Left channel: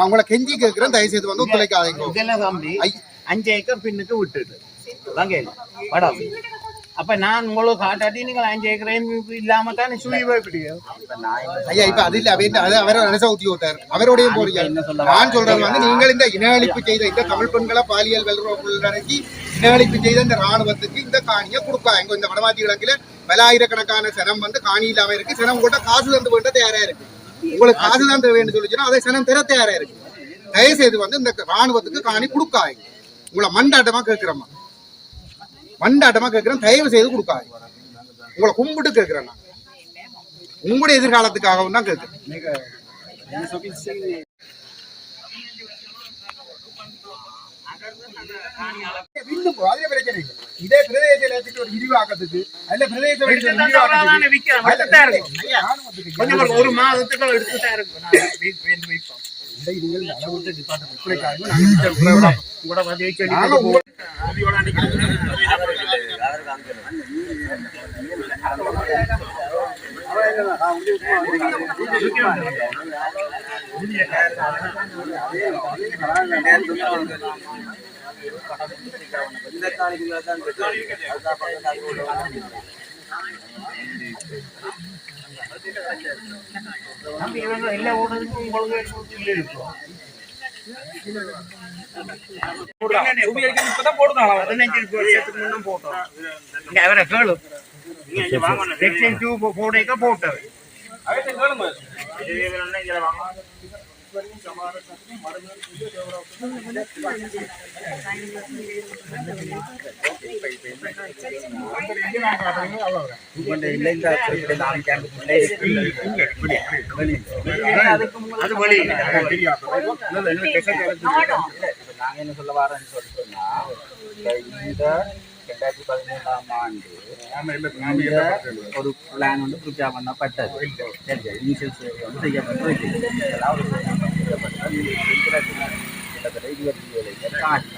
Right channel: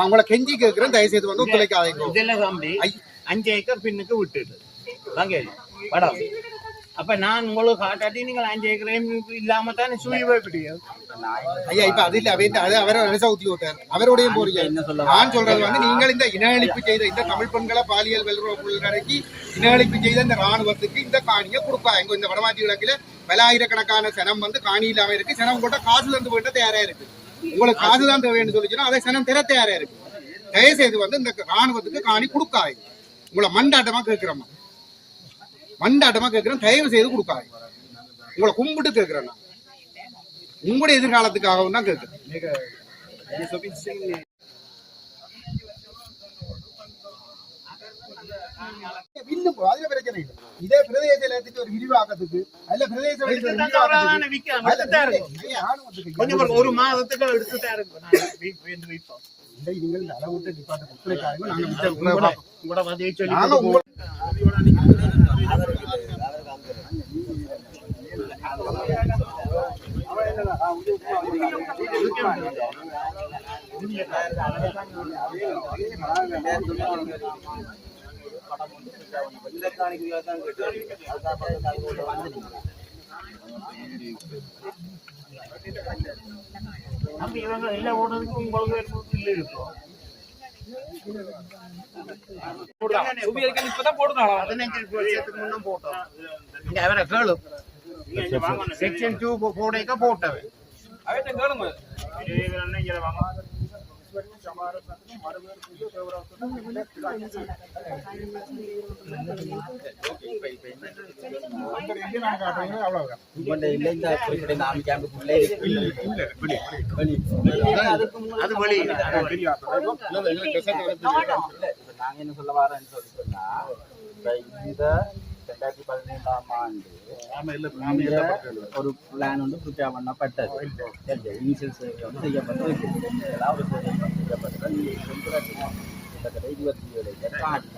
அவங்கள கெஞ்சி கேட்கிறேன், தயவு செய்து வந்து ஒத்துழைக்காதீங்க. இதெல்லாம் தம்பி 5 ஏக்கர் பின்னுக்கு விட்டுட்டு வாங்க மேடம். அப்ப நான் உங்களுக்கு காட்டாட்டி நீங்கள் 5 ஏக்கரையும் இல்லாம தான் சுழி போய்பிடிக்கும் ஐயா. இப்ப அது இல்ல, அவரை நினைச்சா ஊத்தி விட்டார், அவருடைய போறீங்க. நான் சொல்றது வந்து நீங்கள் இந்த இன அழிப்பு செய்த இந்த தமிழ் பெண்களை பாலியல் உள்ளடக்கி இன அழிப்பு செய்த இந்த ராணுவத்துக்கு இந்த காணியை கொடுக்காங்க. இந்த வடமாத்தி கிழக்குல பலாயிரக்கணக்கான சனம் வந்து காணி இல்லாம இருக்கு. சனம் கூட காசு தந்து வேண்ட தயாரா இருக்கு. உங்களுக்கு காசு தான் தேவைன்னு சொல்லிச்சுன்னா அதை சனம் தர தயாரா இருக்கு. தயவு செய்து வந்து இந்த ராணுவத்துக்கு காணி கொடுக்காங்க. உங்களை மண்டாட்டமா கேட்கிறோமா, மண்டாட்டமா கேட்கிறேன், தயவு செய்து கொடுக்காங்க. உங்களை கும்பிட்டு கேட்கிறேன், நான் உங்களுடைய எதிர்காலத்துக்காகவும் தான் கேட்கிறேன். இதே பிரதேச ஒரு விரிவாக்கத்துக்கு அல்ல பிரதேச ஒரு மாதத்துக்கு எடுத்துட்டா எல்லா ஓடுறதுக்கும் உங்களுக்கு இப்பதான் போடுதான் 15 வருஷத்துக்கு முன்ன போட்டோம். இங்க அவரை கேளு, செக்ஷன் 2 போடைக்க போட்டது கேளுங்க. அது வழி நாங்க என்ன சொல்ல வரேன்னு சொன்னா, இந்த 2013ஆம் ஆண்டு ஒரு பிளான் வந்து ப்ரிப்பேர் பண்ணப்பட்டது. இனிஷியல் ஸ்டேஜ் வந்து செய்யப்பட்டு அதாவது 27 ஏக்கர் காணி.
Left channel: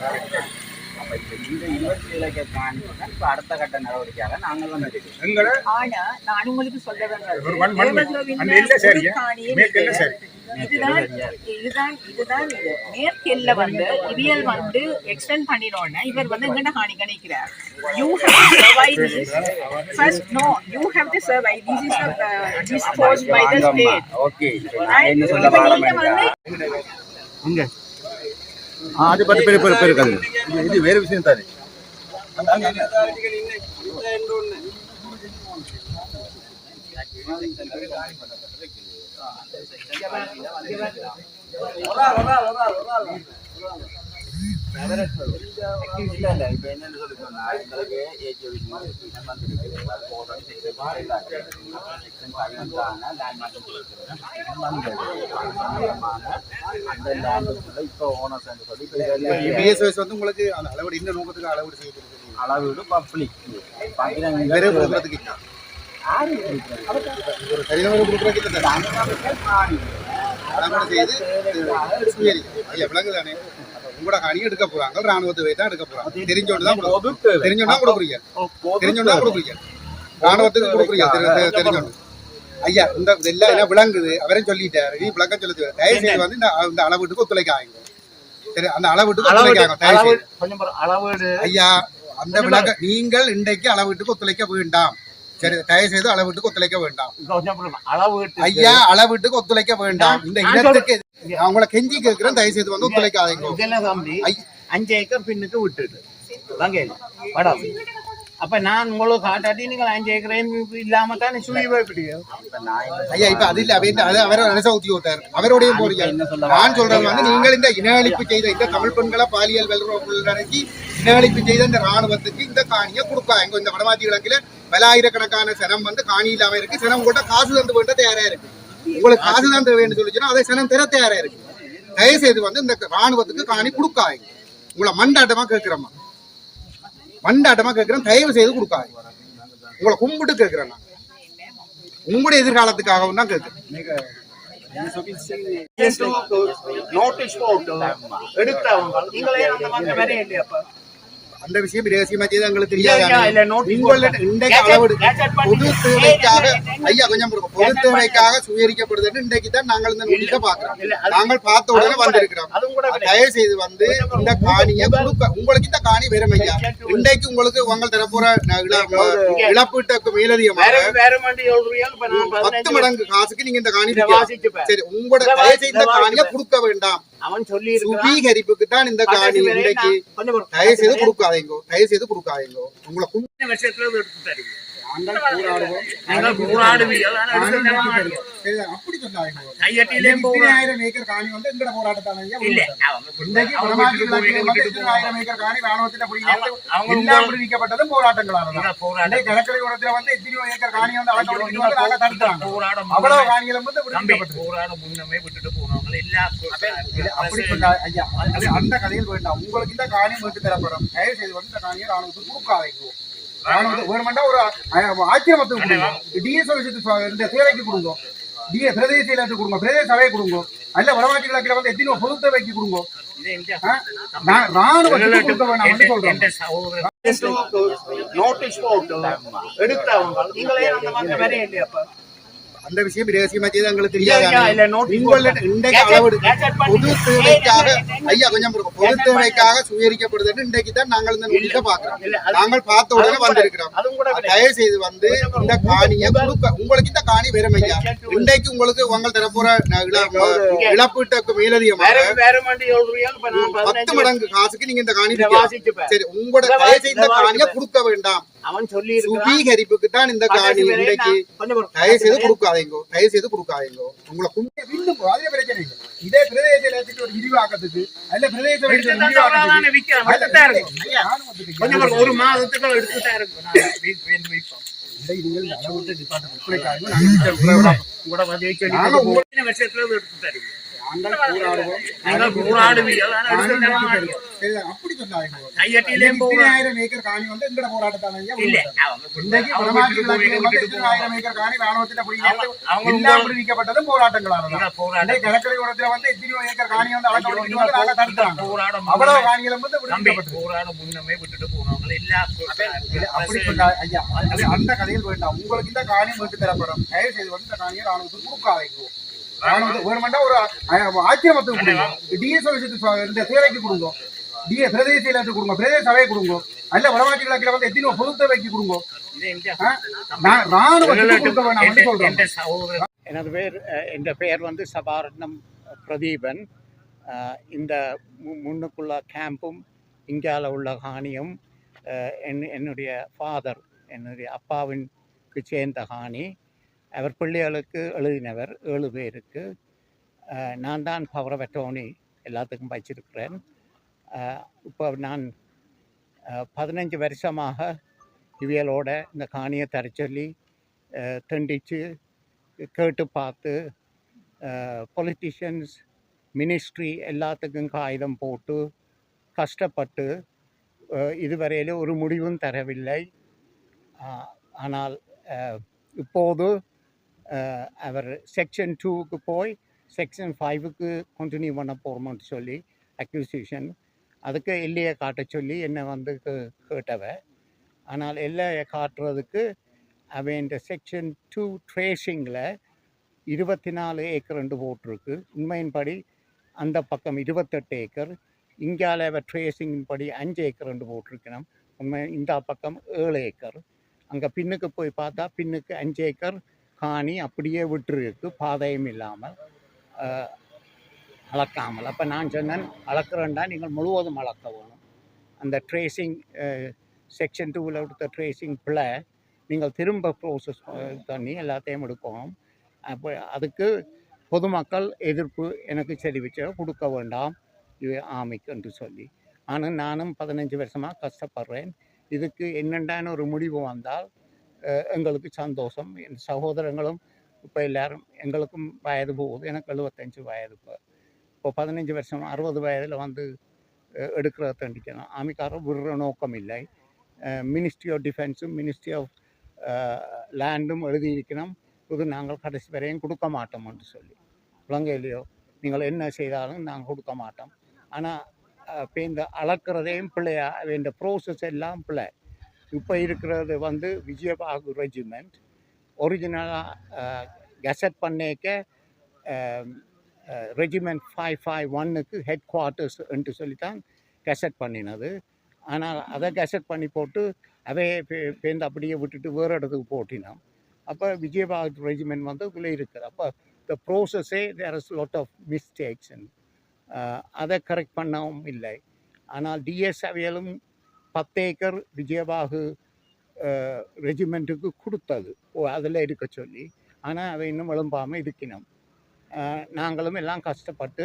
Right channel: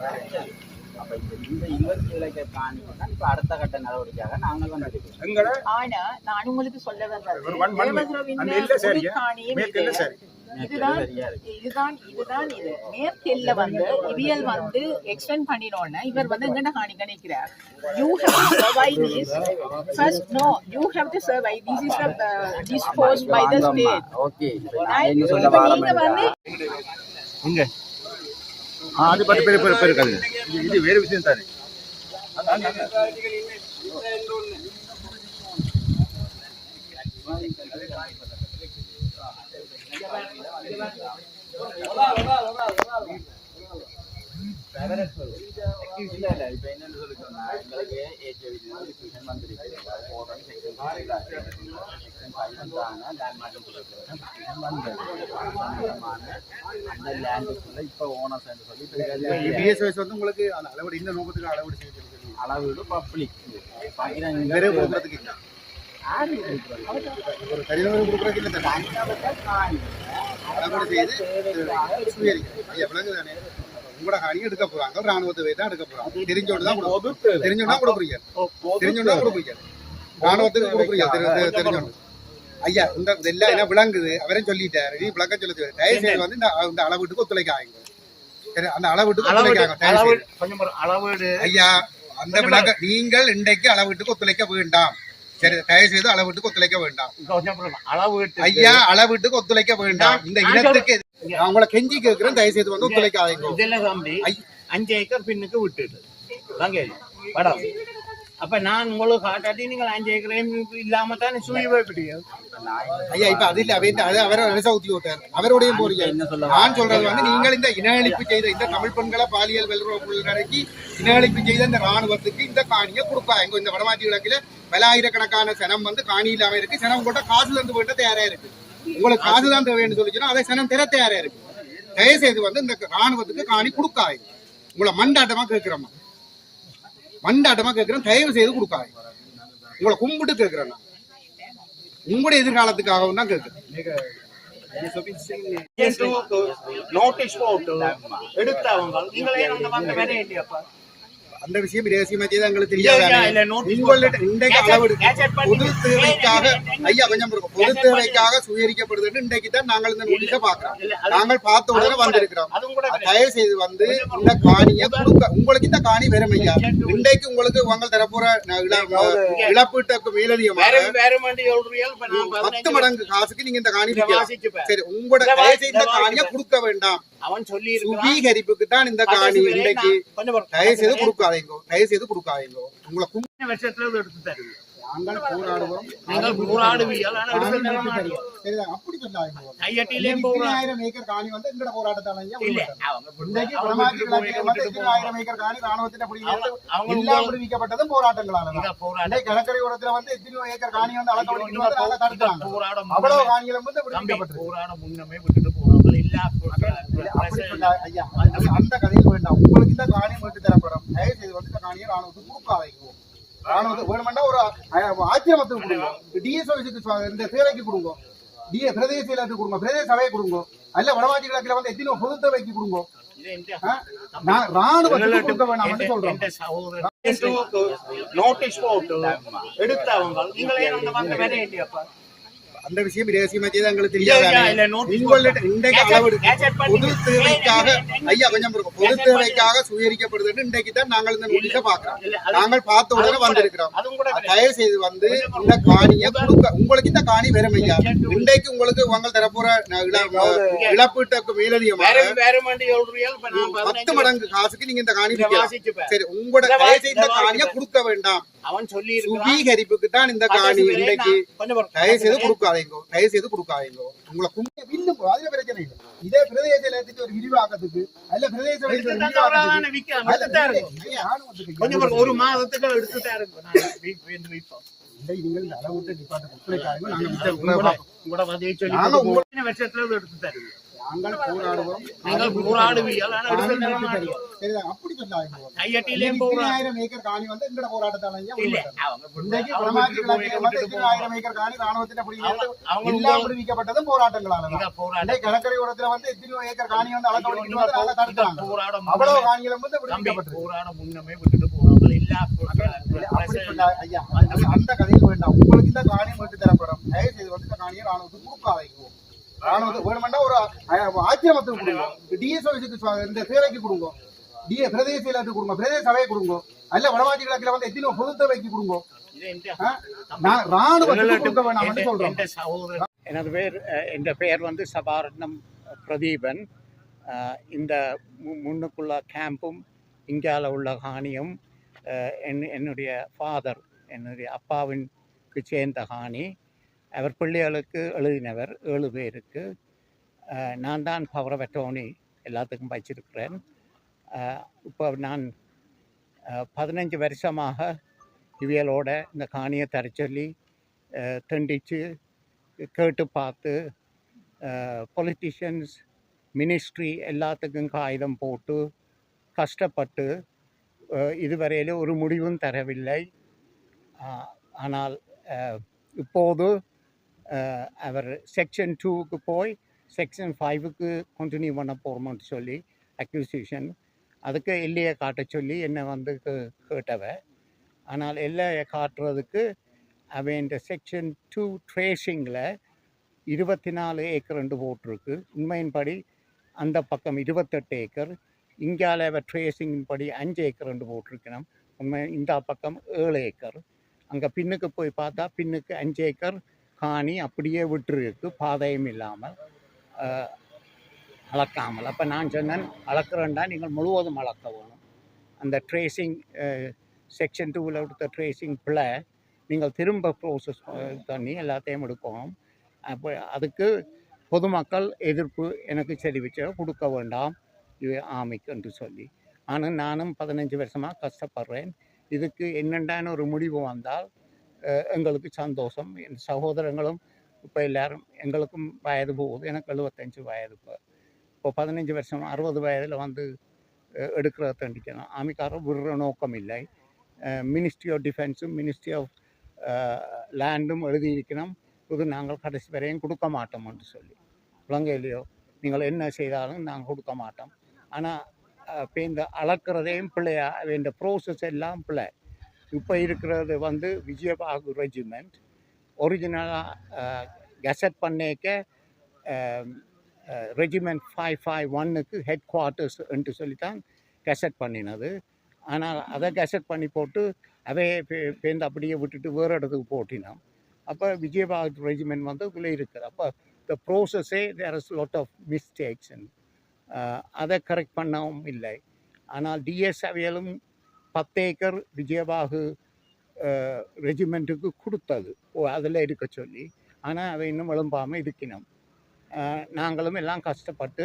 அப்ப இந்த 27 ஏக்கர் காணி இப்ப அடுத்த கட்ட நடவடிக்கையாக நாங்கள் வந்து ஆனா நான் உங்களுக்கு சொல்ல இதுதான் மேற்கெல்ல வந்து இவியல் வந்து எக்ஸ்டெண்ட் பண்ணினோன்னா இவர் வந்து எங்கட காணி கணிக்கிறார். You have to survive this. First, no, you have to survive. This is disposed by the state. Okay. என்ன சொல்ல வரேன் இங்க அது பத்தி பெரிய கதை. இது வேற விஷயம் தானே. இப்ப என்னன்னு சொல்லி சொன்னா, எங்களுக்கு அந்த லேண்டுக்குள்ள இப்ப ஓனர்ஸ் சொல்லி வந்து உங்களுக்கு அந்த அளவு இந்த நோக்கத்துக்கு அளவு செய்யப்படுது. அளவு பப்ளிக் ஒரு தனிநபர் கொடுக்குறதுக்கு விளங்குதானே. உங்களோட காணி எடுக்க போறாங்க, ராணுவத்தை தான் எடுக்க போறாங்க. தெரிஞ்சோன்னு கொடுக்குறீங்க, ராணுவத்துக்கு கொடுக்குறீங்க தெரிஞ்சோன்னு. ஐயா இந்த எல்லாம் என்ன விளங்குது, அவரையும் சொல்லிட்டாரு, நீ விளக்க சொல்லுது. தயவு செய்து வந்து இந்த அளவீட்டுக்கு ஒத்துழைக்காங்க. அந்த அளவீட்டுக்கு ஐயா அந்த விளக்க நீங்கள் இன்றைக்கு அளவீட்டுக்கு ஒத்துழைக்க வேண்டாம். சரி, தயவு செய்து அளவீட்டுக்கு ஒத்துழைக்க வேண்டாம். ஐயா அளவீட்டுக்கு ஒத்துழைக்க வேண்டாம். இந்த இனத்துக்கு அவங்கள கெஞ்சி கேட்கிறேன், தயவு செய்து வந்து ஒத்துழைக்காதீங்க. இதெல்லாம் தம்பி 5 ஏக்கர் பின்னுக்கு விட்டுட்டு வாங்க மேடம். அப்ப நான் உங்களுக்கு காட்டாட்டி நீங்கள் 5 ஏக்கரையும் இல்லாம தான் சுழி போய்பிடிக்கும் ஐயா. இப்ப அது இல்ல, அவரை நினைச்சா ஊத்தி விட்டார், அவருடைய போறீங்க. நான் சொல்றது வந்து நீங்கள் இந்த இன அழிப்பு செய்த இந்த தமிழ் பெண்களை பாலியல் உள்ளடக்கி இன அழிப்பு செய்த இந்த ராணுவத்துக்கு இந்த காணியை கொடுக்காங்க. இந்த வடமாத்தி கிழக்குல பலாயிரக்கணக்கான சனம் வந்து காணி இல்லாம இருக்கு. சனம் கூட காசு தந்து வேண்ட தயாரா இருக்கு. உங்களுக்கு காசு தான் தேவைன்னு சொல்லிச்சுன்னா அதை சனம் தர தயாரா இருக்கு. தயவு செய்து வந்து இந்த ராணுவத்துக்கு காணி கொடுக்காங்க. உங்களை மண்டாட்டமா கேட்கிறோமா, மண்டாட்டமா கேட்கிறேன், தயவு செய்து கொடுக்காங்க. உங்களை கும்பிட்டு கேட்கிறேன், நான் உங்களுடைய எதிர்காலத்துக்காகவும் தான் கேட்கிறேன். நோட்டீஸ் போட்டு எடுத்தவங்க நீங்களே அந்த மாதிரி வேற இல்லையாப்பா. அந்த விஷயம் ரகசியமா செய்து எங்களுக்கு இல்ல, தெரியாது. இல்ல, notice உங்கள்ட்ட போட்டு. இன்றைக்கு அளவெடு gadget பண்ணி. பொது தேவைக்காக ஐயா இல்ல, கொஞ்சம் பொறுங்க. பொது தேவைக்காக சுயரிக்கப்படுதுன்னு இன்றைக்கு தான் நாங்கள் இந்த நோட்டீஸை பார்க்கிறோம். இல்ல, அது- நாங்கள் பார்த்த உடனே அதுவும் கூட- வந்திருக்கிறோம். அதுவும் கூட கிடையாது. தயவு செய்து வந்து இந்த காணியை கொடுக்க உங்களுக்கு இந்த காணி வரும் ஐயா. இன்றைக்கு உங்களுக்கு உங்கள் தரப்புற இழப்பீட்டுக்கு மேலதிகமாக வேற வண்டி சொல்றியா? இப்ப நான் 10 மடங்கு காசுக்கு நீங்க இந்த காணி இதை விற்கலாம். வாசிச்சுப்பேன். சரி உங்களோட தயவு செய்து இந்த காணியை கொடுக்க வேண்டாம். அவன் சொல்லி சுவீகரிப்புக்கு தான் இந்த காணி இன்றைக்கு தயவு செய்து கொஞ்சம் கொடுக்காதீங்க. தயவு செய்து கொடுக்காதீங்க. உங்களை வருஷத்துல எடுத்து தருவீங்க. நாங்கள் போராடுவோம். நாங்கள் போராடுவீங்க. ஆனா எடுத்து தர மாட்டீங்க. சரிதான், அப்படி சொல்லாதீங்க. கையட்டிலே போராடு. 1000 ஏக்கர் காணி வந்து எங்கட போராட்டத்தால ஐயா இல்ல, விடுவிக்கப்பட்டது. அவங்க இன்றைக்கு அவங்க வடமாற்றி விட்டுட்டு இலக்கியம் வந்து விட்டுட்டு போவாங்க. 1000 ஏக்கர் காணி ராணுவத்தின் பிடிக்கிறது அவங்க எல்லாம் விடுவிக்கப்பட்டதும் போராட்டங்களால தான். இங்க போராட இன்றைக்கு கடற்கரை ஓரத்துல வந்து எத்தனையோ ஏக்கர் காணி வந்து ஆட்டோமேட்டிக் வந்து நாங்க தடுக்கிறாங்க. போராட அவ்வளவு காணிகளும் வந்து தம்பி விடுவிக்கப்பட்டது. போராட முன்னமே விட்டுட்டு போறாங்க. எல்லா அப்படி சொன்னா ஐயா அந்த கதையில் வேண்டாம். உங்களுக்கு இந்த காணி மீட்டு தரப்படும். தயவு செய்து வந்து இந்த காணியை ராணுவத்துக்கு கொடுக்காதீங்க. ராணுவத்துக்கு வேணுமெண்டா ஒரு ஆக்கிரமத்துக்கு கொடுங்க. டிஎஸ் இந்த சேவைக்கு கொடுங்க. பிரதேச இலக்கு கொடுங்க. பிரதேச சபையை கொடுங்க. அல்ல வடமாற்றி கிழக்கில் வந்து எத்தனையோ பொது தேவைக்கு கொடுங்க. ராணுவத்துக்கு கொடுக்க வேண்டாம் சொல்றோம். நோட்டீஸ் போட்டு எடுத்தவங்க நீங்களே அந்த வந்து வேற இல்லையாப்பா? அந்த விஷயம் ரகசியமா செய்து எங்களுக்கு இல்ல, தெரியாது. இல்ல, notice உங்கள்ட்ட போட்டு. இன்றைக்கு அளவெடு gadget பண்ணி. பொது தேவைக்காக ஐயா கொஞ்சம் பொறுங்க. பொது gadget தேவைக்காக சுயரிக்கப்படுதுன்னு இன்றைக்கு தான் நாங்கள் இந்த நோட்டீஸை பார்க்கிறோம். இல்ல, அது- நாங்கள் பார்த்த உடனே அதுவும் கூட- வந்திருக்கிறோம். அதுவும் கூட கிடையாது. தயவு செய்து வந்து இந்த காணியை கொடுக்க உங்களுக்கு இந்த காணி வரும் ஐயா. இன்றைக்கு உங்களுக்கு உங்கள் தரப்புற இழப்பீட்டுக்கு மேலதிகமாக வேற வண்டி சொல்றியா? இப்ப நான் 10 மடங்கு காசுக்கு நீங்க இந்த காணி இதை விற்கலாம். வாசிச்சுப்பேன். சரி உங்களோட தயவு செய்து இந்த காணியை கொடுக்க வேண்டாம். அவன் சொல்லி சுவீகரிப்புக்கு தான் இந்த காணி இன்றைக்கு தயவு செய்து இருக்கிறான். கொடுக்காதீங்க. தயவு செய்து கொடுக்காதீங்க. உங்களை கும்பிட்டு வில்லு போ. அதுல பிரச்சனை இல்லை. இதே பிரதேச இலக்கியத்துக்கு ஒரு விரிவாக்கத்துக்கு அல்ல பிரதேச எடுத்து இலக்கியத்துக்கு தந்தா அவ்வளவுதானே விற்கிறேன். அல்ல, எடுத்துட்டா இருக்கும். ஐயா, ராணுவத்துக்கு கொஞ்சம் பாருங்க, ஒரு மாதத்துக்கு எடுத்துட்டா இருக்கும். நான் வைப்போம். இதை நீங்கள் அளவுக்கு டிபார்ட்மெண்ட் ஒத்துழைக்காதீங்க. நாங்கள் கூட வந்து சொல்லி நாங்க போட்டு வருஷத்துல எடுத்து தருவீங்க. நாங்கள் போராடுவோம். நாங்கள் போராடுவீங்க. ஆனா எடுத்து தர மாட்டீங்க. சரிதான், அப்படி சொல்லாதீங்க. கையட்டிலே போராடு. 1000 ஏக்கர் காணி வந்து எங்கட போராட்டத்தால ஐயா இல்ல, விடுவிக்கப்பட்டது. அவங்க இன்றைக்கு அவங்க வடமாற்றி விட்டுட்டு போய் இலக்கியம் வந்து விட்டுட்டு 1000 ஏக்கர் காணி ராணுவத்தின் பிடிக்கிறது அவங்க எல்லாம் விடுவிக்கப்பட்டதும் போராட்டங்களால தான். இங்க போராட இன்றைக்கு கடற்கரை ஓரத்துல வந்து எத்தனையோ ஏக்கர் காணி வந்து ஆட்டோமேட்டிக் வந்து நாங்க தடுக்கிறாங்க. போராட அவ்வளவு காணிகளும் வந்து தம்பி விடுவிக்கப்பட்டது. போராட முன்னமே விட்டுட்டு போறாங்க. எல்லா அப்படி சொன்னா ஐயா அந்த கதையில் வேண்டாம். உங்களுக்கு இந்த காணி மீட்டு தரப்படும். தயவு செய்து வந்து இந்த காணியை ராணுவத்துக்கு கொடுக்காதீங்க. ராணுவத்துக்கு வேணுமெண்டா ஒரு ஆக்கிரமத்துக்கு கொடுங்க. டிஎஸ் இந்த சேவைக்கு கொடுங்க. பிரதேச இலக்கு கொடுங்க. பிரதேச சபையை கொடுங்க. அல்ல வடமாற்றி கிழக்கில் வந்து எத்தனையோ பொது தேவைக்கு கொடுங்க. ராணுவத்துக்கு கொடுக்க வேண்டாம் சொல்றோம். எனது பெயர் வந்து சபாரத்னம் பிரதீபன். இந்த முன்னுக்குள்ள கேம்பும் இந்தியாவில் உள்ள காணியும் என்னுடைய ஃபாதர், என்னுடைய அப்பாவிற்கு சேர்ந்த காணி. அவர் பிள்ளைகளுக்கு எழுதினவர் 7 பேருக்கு. நான் தான் பவர் ஆஃப் அட்டர்னி எல்லாத்துக்கும் வச்சிருக்கிறேன். இப்போ நான் 15 வருஷமாக இவியலோட இந்த காணியை தர சொல்லி தண்டித்து கேட்டு பார்த்து பொலிட்டிஷியன்ஸ், மினிஸ்ட்ரி எல்லாத்துக்கும் காகிதம் போட்டு கஷ்டப்பட்டு இதுவரையில் ஒரு முடிவும் தரவில்லை. ஆனால் இப்போது அவர் செக்ஷன் 2க்கு போய் செக்ஷன் 5க்கு கண்டினியூ பண்ண போகிறோம்னு சொல்லி அக்யூசிஷன், அதுக்கு எல்லையை காட்ட சொல்லி என்னை வந்து கேட்டவ. ஆனால் எல்லையை காட்டுறதுக்கு அவன் இந்த செக்ஷன் 2 ட்ரேஷிங்கில் 24 ஏக்கர் போட்டிருக்கு. உண்மையின்படி அந்த பக்கம் 28 ஏக்கர், இங்கால அவ ட்ரேசிங்கின் படி 5 ஏக்கர் போட்டிருக்கணும். உண்மை இந்த பக்கம் 7 ஏக்கர். அங்கே பின்னுக்கு போய் பார்த்தா பின்னுக்கு 5 ஏக்கர் காணி அப்படியே விட்டுருக்கு, பாதையும் இல்லாமல் அளக்காமல். அப்போ நான் சொன்னேன், அளக்குறேன்டா நீங்கள் முழுவதும் அளக்க வேணும். அந்த ட்ரேசிங் செக்ஷன் 2வில் எடுத்த ட்ரேசிங் பிள்ளை நீங்கள் திரும்ப ப்ரோசஸ் பண்ணி எல்லாத்தையும் எடுக்கணும். அப்போ அதுக்கு பொதுமக்கள் எதிர்ப்பு எனக்கு தெரிவிச்சு கொடுக்க வேண்டாம் இது ஆமைக்கு என்று சொல்லி. ஆனால் நானும் 15 வருஷமாக கஷ்டப்படுறேன். இதுக்கு என்னென்ன ஒரு முடிவு வந்தால் எங்களுக்கு சந்தோஷம். என் சகோதரங்களும் இப்போ எல்லோரும், எங்களுக்கும் வயது போகுது. எனக்கு 75 வயது. இப்போ 15 வருஷம் 60 வயதில் வந்து எடுக்கிறத தண்டிக்கணும். ஆமிக்காரர் விடுற நோக்கம் இல்லை. மினிஸ்ட்ரி ஆஃப் டிஃபென்ஸும் மினிஸ்ட்ரி ஆஃப் லேண்டும் எழுதியிருக்கணும், இது நாங்கள் கடைசி வரையும் கொடுக்க மாட்டோம் என்று சொல்லி. இலங்கையிலையோ நீங்கள் என்ன செய்தாலும் நாங்கள் கொடுக்க மாட்டோம். ஆனால் இப்போ இந்த அளக்கிறதையும் பிள்ளையா இந்த ப்ரோசஸ் எல்லாம் பிள்ளை. இப்போ இருக்கிறது வந்து விஜயபாகு ரெஜிமெண்ட் ஒரிஜினலாக கெசட் பண்ணிக்க ரெஜிமெண்ட் 551க்கு ஹெட் குவார்ட்டர்ஸ் என்று சொல்லித்தான் கெசட் பண்ணினது. ஆனால் அதை கெசட் பண்ணி போட்டு அவே பேருந்து அப்படியே விட்டுட்டு வேறு இடத்துக்கு போட்டினோம். அப்போ விஜயபாகு ரெஜிமெண்ட் வந்து இதில் இருக்குது. அப்போ இந்த ப்ரோசஸே there is lot of mistakes. அதை கரெக்ட் பண்ணவும் இல்லை. ஆனால் டிஎஸ் அவையலும் 10 ஏக்கர் விஜயபாகு ரெஜிமெண்ட்டுக்கு கொடுத்தது அதில் இருக்க சொல்லி. ஆனால் அவை இன்னும் எழும்பாமல் இருக்கணும். நாங்களும் எல்லாம் கஷ்டப்பட்டு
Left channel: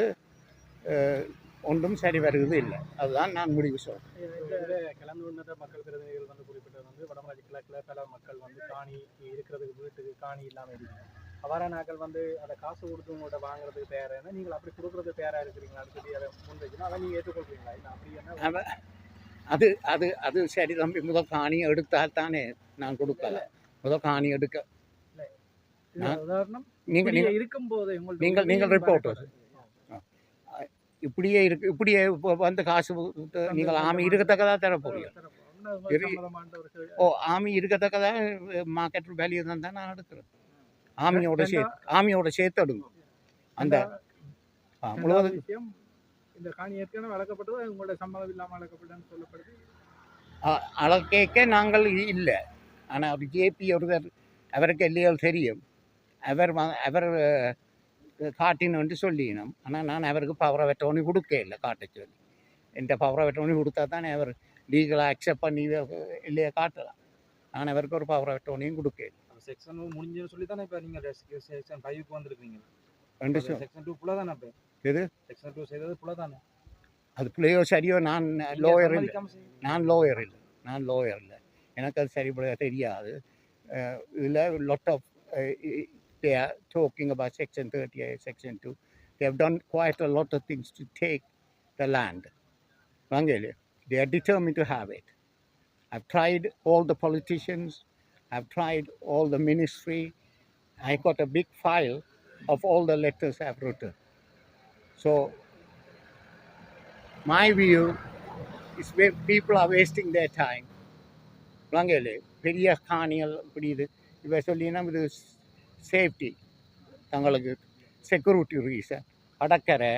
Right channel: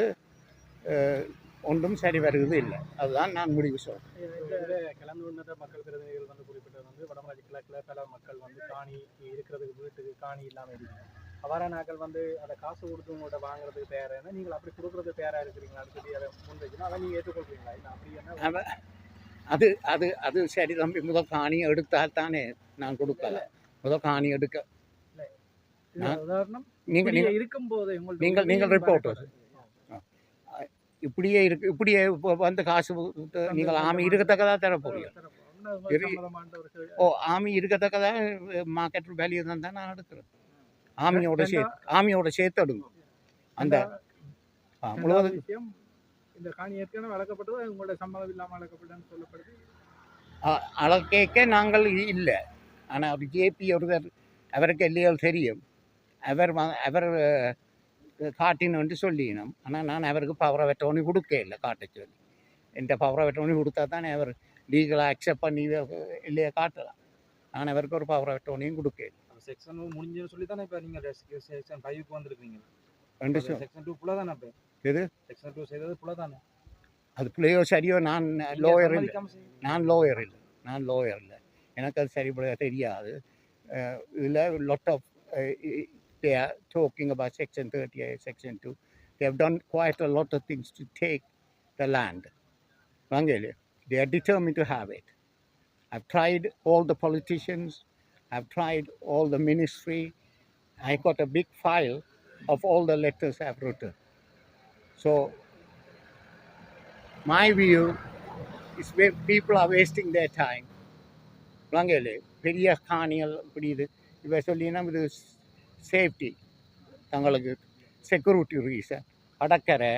ஒன்றும் சரி வருவது இல்லை. அதுதான் நான் முடிவு சொல்கிறேன். கிளம்பி வந்த மக்கள் பிரதிநிதிகள் வந்து குறிப்பிட்டது வந்து வடமராட்சி கிழக்கில் பல மக்கள் வந்து காணி இருக்கிறதுக்கு வீட்டுக்கு காணி இல்லாமல் இருக்காங்க. அவ்வாறான நாட்கள் வந்து அதை காசு கொடுத்து உங்கள்கிட்ட வாங்குறதுக்கு தயாராக நீங்கள் அப்படி கொடுக்குறது தயாராக இருக்கிறீங்களான்னு சொல்லி அதை முன்வைக்கணும். அதை நீங்கள் ஏற்றுக்கொள்றீங்களா? இல்லை அப்படி என்ன அது அது அது சரி தம்பி, முதல் காணி எடுத்தால் தானே நான் கொடுக்கல. முதல் காணி எடுக்க உதாரணம் நீங்கள் இருக்கும்போது நீங்கள் ரிப்போர்ட்டர் இப்படியே இருக்கு. இப்படியே வந்து காசு நீங்கள் ஆமி இருக்கத்தக்கதாக தர போறீங்க. ஆமி இருக்கத்தக்கதாக மார்க்கெட் வேல்யூ தான் நான் எடுக்கிறேன். ஆமியோட சேர்த்து எடுங்க. அந்த முழுவதும் இந்த காணி ஏற்கனவே வளர்க்கப்பட்டது உங்களோட சம்மதம் இல்லாமல் வளர்க்கப்பட்டதுன்னு சொல்லப்படுது. அளக்கேக்க நாங்கள் இல்லை. ஆனால் ஜேபி ஒருவர் அவருக்கு எல்லையால் தெரியும். அவர் காட்டினு சொல்லினோம். ஆனால் நான் அவருக்கு பவரை வெட்டோனி கொடுக்க இல்லை காட்ட சொல்லி. எந்த பவரை வெட்டோனி கொடுத்தா தானே அவர் லீகலாக அக்செப்ட் பண்ணி இல்லையா காட்டலாம். நான் அவருக்கு ஒரு பவரை வெட்டோனியும் கொடுக்க இல்லை. செக்ஷன் முடிஞ்சுன்னு சொல்லி தானே இப்போ நீங்கள் செக்ஷன் 5க்கு வந்திருக்கீங்க. செக்ஷன் 2 புள்ள தானே இப்போ எது செக்ஷன் 2 செய்தது புள்ள தானே. அது பிள்ளையோ சரியோ நான் லோயர் இல்லை. நான் லோயர் இல்லை. எனக்கு அது சரிபட தெரியாது. இதில் lot of they are talking about section 38, section 2. They have done quite a lot of things to take the land. They are determined to have it. I've tried all the politicians. I've tried all the ministry. I got a big file of all the letters I've written. So my view is where people are wasting their time. பெரிய காணிகள் இப்படி இவ சொல்லினா இது safety, தங்களுக்கு security reason. கடற்கரை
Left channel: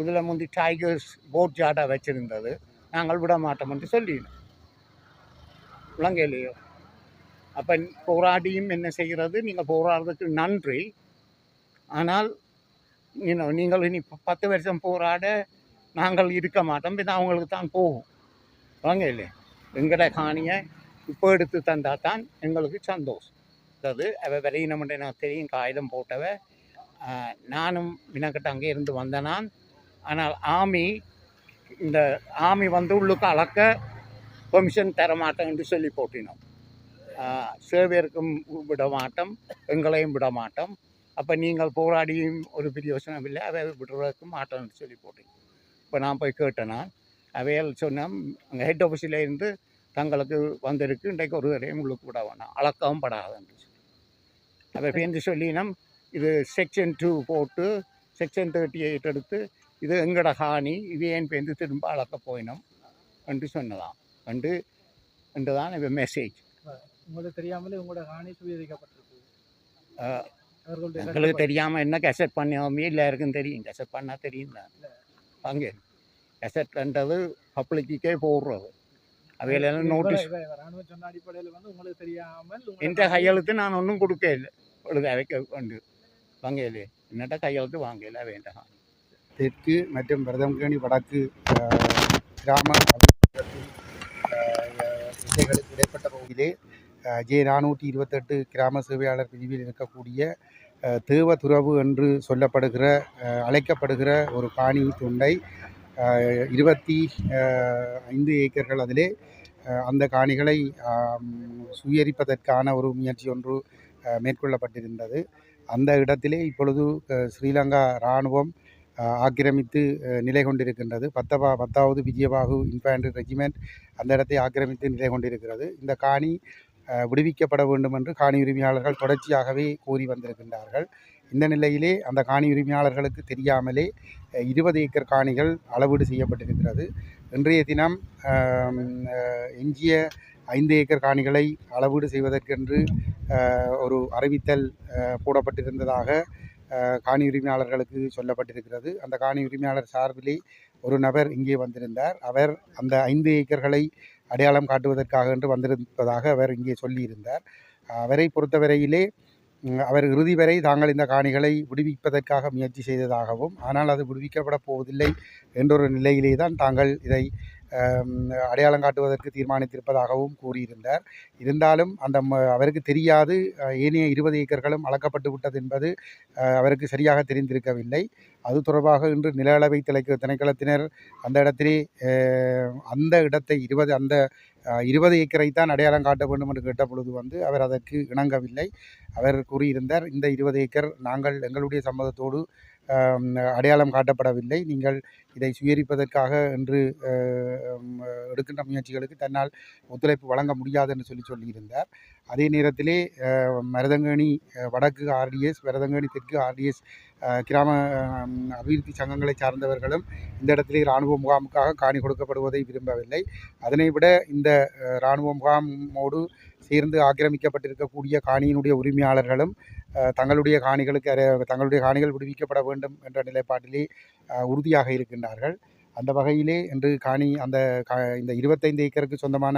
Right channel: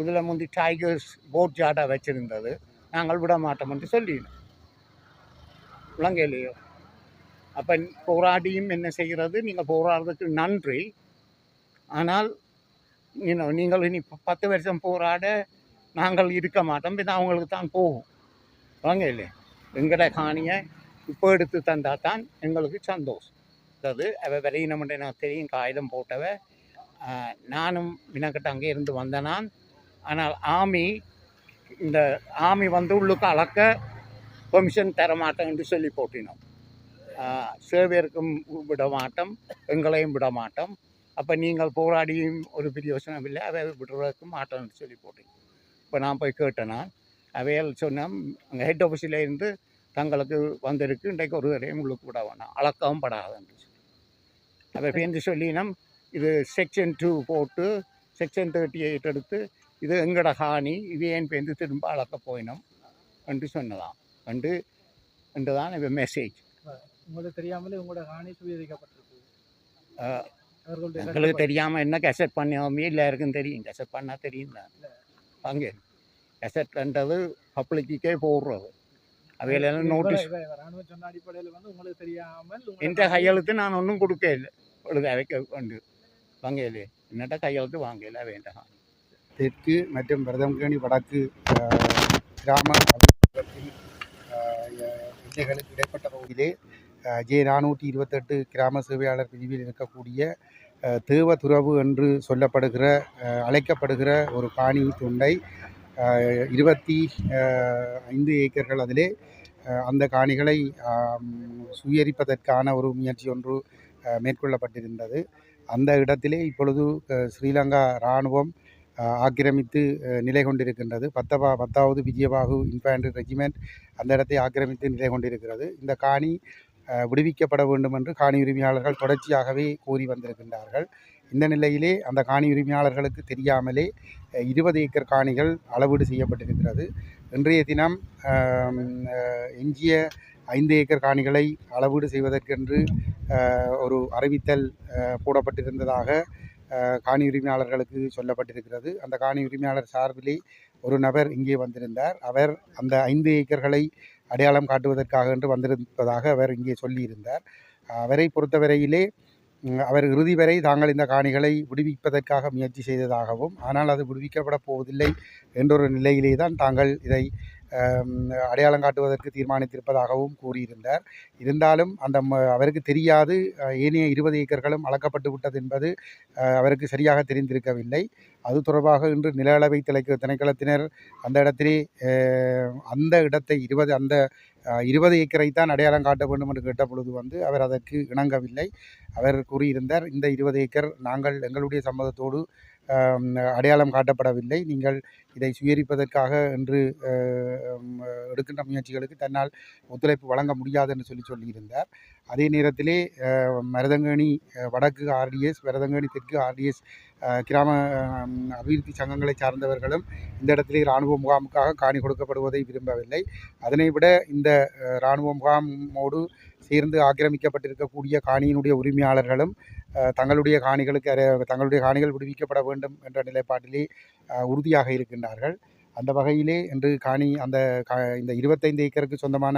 இதில் முந்தி tigers boat ஜாடாக வச்சுருந்தது. நாங்கள் விட மாட்டோம்னு சொல்லினோம். விளங்கலையோ? அப்போ போராடியும் என்ன செய்கிறது? நீங்கள் போராடுறதுக்கு நன்றி. ஆனால் நீங்கள் இனி 10 வருஷம் போராட நாங்கள் இருக்க மாட்டோம். இது அவங்களுக்கு தான் போகும். விளங்கலையே? எங்கட காணியை இப்போ எடுத்து தந்தால் தான் எங்களுக்கு சந்தோஷம். அதாவது அவள் விரையினம்ன்ற எனக்கு தெரியும், காகிதம் போட்டவ. நானும் வினக்கிட்ட அங்கே இருந்து வந்தேன் நான். ஆனால் இந்த ஆமி வந்து உள்ளுக்கு அளக்க பெர்மிஷன் தர மாட்டேன் என்று சொல்லி போட்டினோம். சேவையருக்கும் விட மாட்டோம், எங்களையும் விட மாட்டோம். அப்போ நீங்கள் போராடியும் ஒரு பிரயோசனம் இல்லை, அவை விடுறதுக்கு மாட்டோம்னு சொல்லி போட்டிங்க. இப்போ நான் போய் கேட்டேன். நான் அவையால் சொன்னேன், அங்கே ஹெட் ஆஃபீஸில் இருந்து தங்களுக்கு வந்திருக்கு, இன்றைக்கு ஒரு தரையும் உங்களுக்கு விட வேணாம், அளக்கவும் படாதுன்னு சொல்லி. அவை பேருந்து சொல்லினோம், இது செக்ஷன் 2 போட்டு செக்ஷன் 38 எடுத்து இது எங்கட காணி, இது ஏன் பேருந்து திரும்ப அளக்க போயினோம் என்று சொன்னதாம் என்று தான் இப்போ மெசேஜ். உங்களுக்கு தெரியாமலே உங்களோட காணி சுவீகரிக்கப்பட்டிருக்கு. எங்களுக்கு தெரியாமல் என்ன கெசட் பண்ணோமே எல்லாருக்கும் தெரியும். கெசட் பண்ணால் தெரியும் தான். அங்கே கெசட்ன்றது பப்ளிக்கே போடுறது. அவையிலெல்லாம் நோட்டீஸ் சொன்ன அடிப்படையில் வந்து உங்களுக்கு தெரியாமல் எந்த கையெழுத்து நான் ஒன்றும் கொடுக்க இல்லை. பொழுது அவைக்க வந்து வாங்கலே என்னட்ட கையெழுத்து வாங்கல வேண்டாம். தெற்கு மற்றும் பிரதமகேணி வடக்கு கிராம எல்லைகளுக்கு இடைப்பட்ட பகுதியிலே J428 கிராம சேவையாளர் பிரிவில் இருக்கக்கூடிய தேவதுறவு என்று அழைக்கப்படுகிற ஒரு காணி துண்டை 25 ஏக்கர்கள் அதிலே அந்த காணிகளை சுயரிப்பதற்கான ஒரு முயற்சி ஒன்று மேற்கொள்ளப்பட்டிருந்தது. அந்த இடத்திலே இப்பொழுது ஸ்ரீலங்கா இராணுவம் ஆக்கிரமித்து நிலை கொண்டிருக்கின்றது. 10வது விஜயபாகு இன்ஃபேண்ட்ரி ரெஜிமெண்ட் அந்த இடத்தை ஆக்கிரமித்து நிலை கொண்டிருக்கிறது. இந்த காணி விடுவிக்கப்பட வேண்டும் என்று காணி உரிமையாளர்கள் தொடர்ச்சியாகவே கோரி வந்திருக்கின்றார்கள். இந்த நிலையிலே அந்த காணி உரிமையாளர்களுக்கு தெரியாமலே 20 ஏக்கர் காணிகள் அளவீடு செய்யப்பட்டிருக்கிறது. இன்றைய தினம் எஞ்சிய 5 ஏக்கர் காணிகளை அளவீடு செய்வதற்கென்று ஒரு அறிவித்தல் போடப்பட்டிருந்ததாக காணி உரிமையாளர்களுக்கு சொல்லப்பட்டிருக்கிறது. அந்த காணி உரிமையாளர் சார்பிலே ஒரு நபர் இங்கே வந்திருந்தார். அவர் அந்த 5 ஏக்கர்களை அடையாளம் காட்டுவதற்காக என்று வந்திருப்பதாக அவர் இங்கே சொல்லியிருந்தார். அவரை பொறுத்தவரையிலே அவர் இறுதி வரை தாங்கள் இந்த காணிகளை விடுவிப்பதற்காக முயற்சி செய்ததாகவும், ஆனால் அது விடுவிக்கப்பட போவதில்லை என்றொரு நிலையிலே தான் தாங்கள் இதை அடையாளம் காட்டுவதற்கு தீர்மானித்திருப்பதாகவும் கூறியிருந்தார். இருந்தாலும் அவருக்கு தெரியாது ஏனைய 20 ஏக்கர்களும் அளக்கப்பட்டு விட்டது என்பது அவருக்கு சரியாக தெரிந்திருக்கவில்லை. அது தொடர்பாக இன்று நில அளவை திணைக்களத்தினர் அந்த இடத்திலே அந்த இடத்தை 20 ஏக்கரை தான் அடையாளம் காட்ட வேண்டும் என்று கேட்ட பொழுது அவர் அதற்கு இணங்கவில்லை. அவர் கூறியிருந்தார், இந்த 20 ஏக்கர் நாங்கள் எங்களுடைய சம்மதத்தோடு அடையாளம் காட்டப்படவில்லை. நீங்கள் இதை சுயரிப்பதற்காக என்று எடுக்கின்ற முயற்சிகளுக்கு தன்னால் ஒத்துழைப்பு வழங்க முடியாது என்று சொல்லியிருந்தார். அதே நேரத்திலே மருதங்கேணி வடக்கு ஆர்டிஎஸ், மருதங்கேணி தெற்கு ஆர்டிஎஸ் கிராம அபிவிருத்தி சங்கங்களை சார்ந்தவர்களும் இந்த இடத்திலே இராணுவ முகாமுக்காக காணி கொடுக்கப்படுவதை விரும்பவில்லை. அதனை விட இந்த இராணுவ முகாமோடு சேர்ந்து ஆக்கிரமிக்கப்பட்டிருக்கக்கூடிய காணியினுடைய உரிமையாளர்களும் தங்களுடைய காணிகள் விடுவிக்கப்பட வேண்டும் என்ற நிலைப்பாட்டிலே உறுதியாக இருக்கின்றார்கள். அந்த வகையிலே இன்று இந்த 25 ஏக்கருக்கு சொந்தமான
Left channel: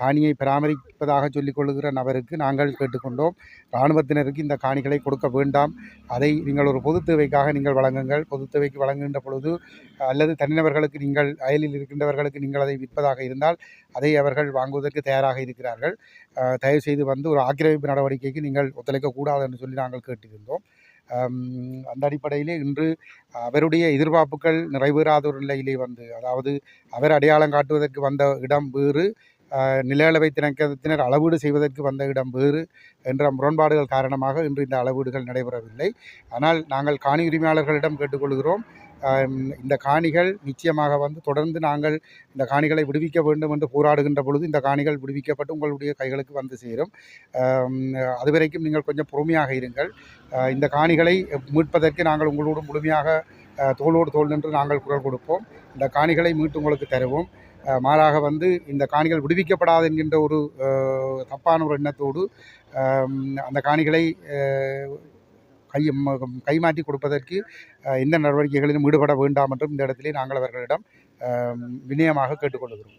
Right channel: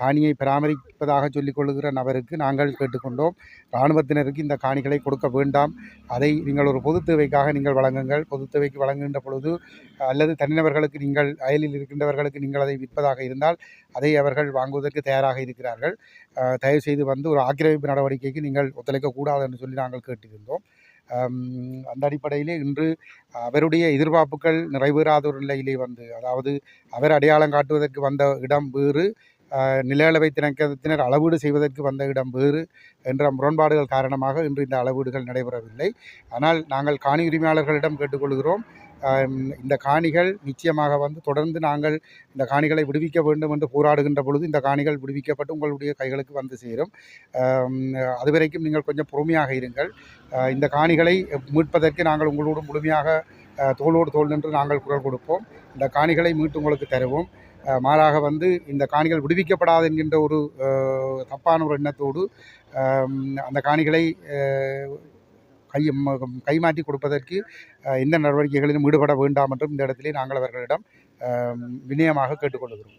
காணியை பராமரிப்பதாக சொல்லிக் கொள்ளுகிற நபருக்கு நாங்கள் கேட்டுக்கொண்டோம், இராணுவத்தினருக்கு இந்த காணிகளை கொடுக்க வேண்டாம், அதை நீங்கள் ஒரு பொது தேவைக்காக நீங்கள் வழங்குங்கள். பொது தேவைக்கு வழங்குகின்ற பொழுது அல்லது தனிநபர்களுக்கு நீங்கள் அயலில் இருக்கின்றவர்களுக்கு நீங்கள் அதை விற்பதாக இருந்தால் அதை அவர்கள் வாங்குவதற்கு தயாராக இருக்கிறார்கள். தயவு செய்து ஒரு ஆக்கிரமிப்பு நடவடிக்கைக்கு நீங்கள் ஒத்துழைக்கக்கூடாது என்று சொல்லி நாங்கள் கேட்டிருந்தோம். அந்த அடிப்படையிலே இன்று அவருடைய எதிர்பார்ப்புகள் நிறைவேறாத ஒரு நிலையிலே அதாவது அவர் அடையாளம் காட்டுவதற்கு வந்த இடம் வேறு, நில அளவை திணைக்களத்தினர் அளவீடு செய்வதற்கு வந்த இடம் வேறு என்ற முரண்பாடுகள் காரணமாக இன்று இந்த அளவீடுகள் நடைபெறவில்லை. ஆனால் நாங்கள் காணி உரிமையாளர்களிடம் கேட்டுக்கொள்கிறோம், இந்த காணிகள் நிச்சயமாக தொடர்ந்து நாங்கள் இந்த காணிகளை விடுவிக்க வேண்டும் என்று போராடுகின்ற பொழுது இந்த காணிகள் விடுவிக்கப்பட்டு உங்களுடைய கைகளுக்கு வந்து சேரும். அதுவரைக்கும் நீங்கள் கொஞ்சம் பொறுமையாக இருங்கள். இந்த காணிகளை மீட்பதற்கு நாங்கள் உங்களோடு முழுமையாக தோளோடு தோள் நின்று நாங்கள் குரல் கொடுப்போம். இந்த காணிகளை மீட்டு உங்களுக்கு தருவோம். மாறாக இந்த காணிகள் விடுவிக்கப்படாது என்கின்ற ஒரு தப்பான ஒரு எண்ணத்தோடு அந்த காணிகளை கைமாற்றி கொடுப்பதற்கு எந்த நடவடிக்கைகளிலும் ஈடுபட வேண்டாம் என்றும் இந்த இடத்திலே நாங்கள் அவர்களிடம் வினயமாக கேட்டுக்கொள்கிறோம்.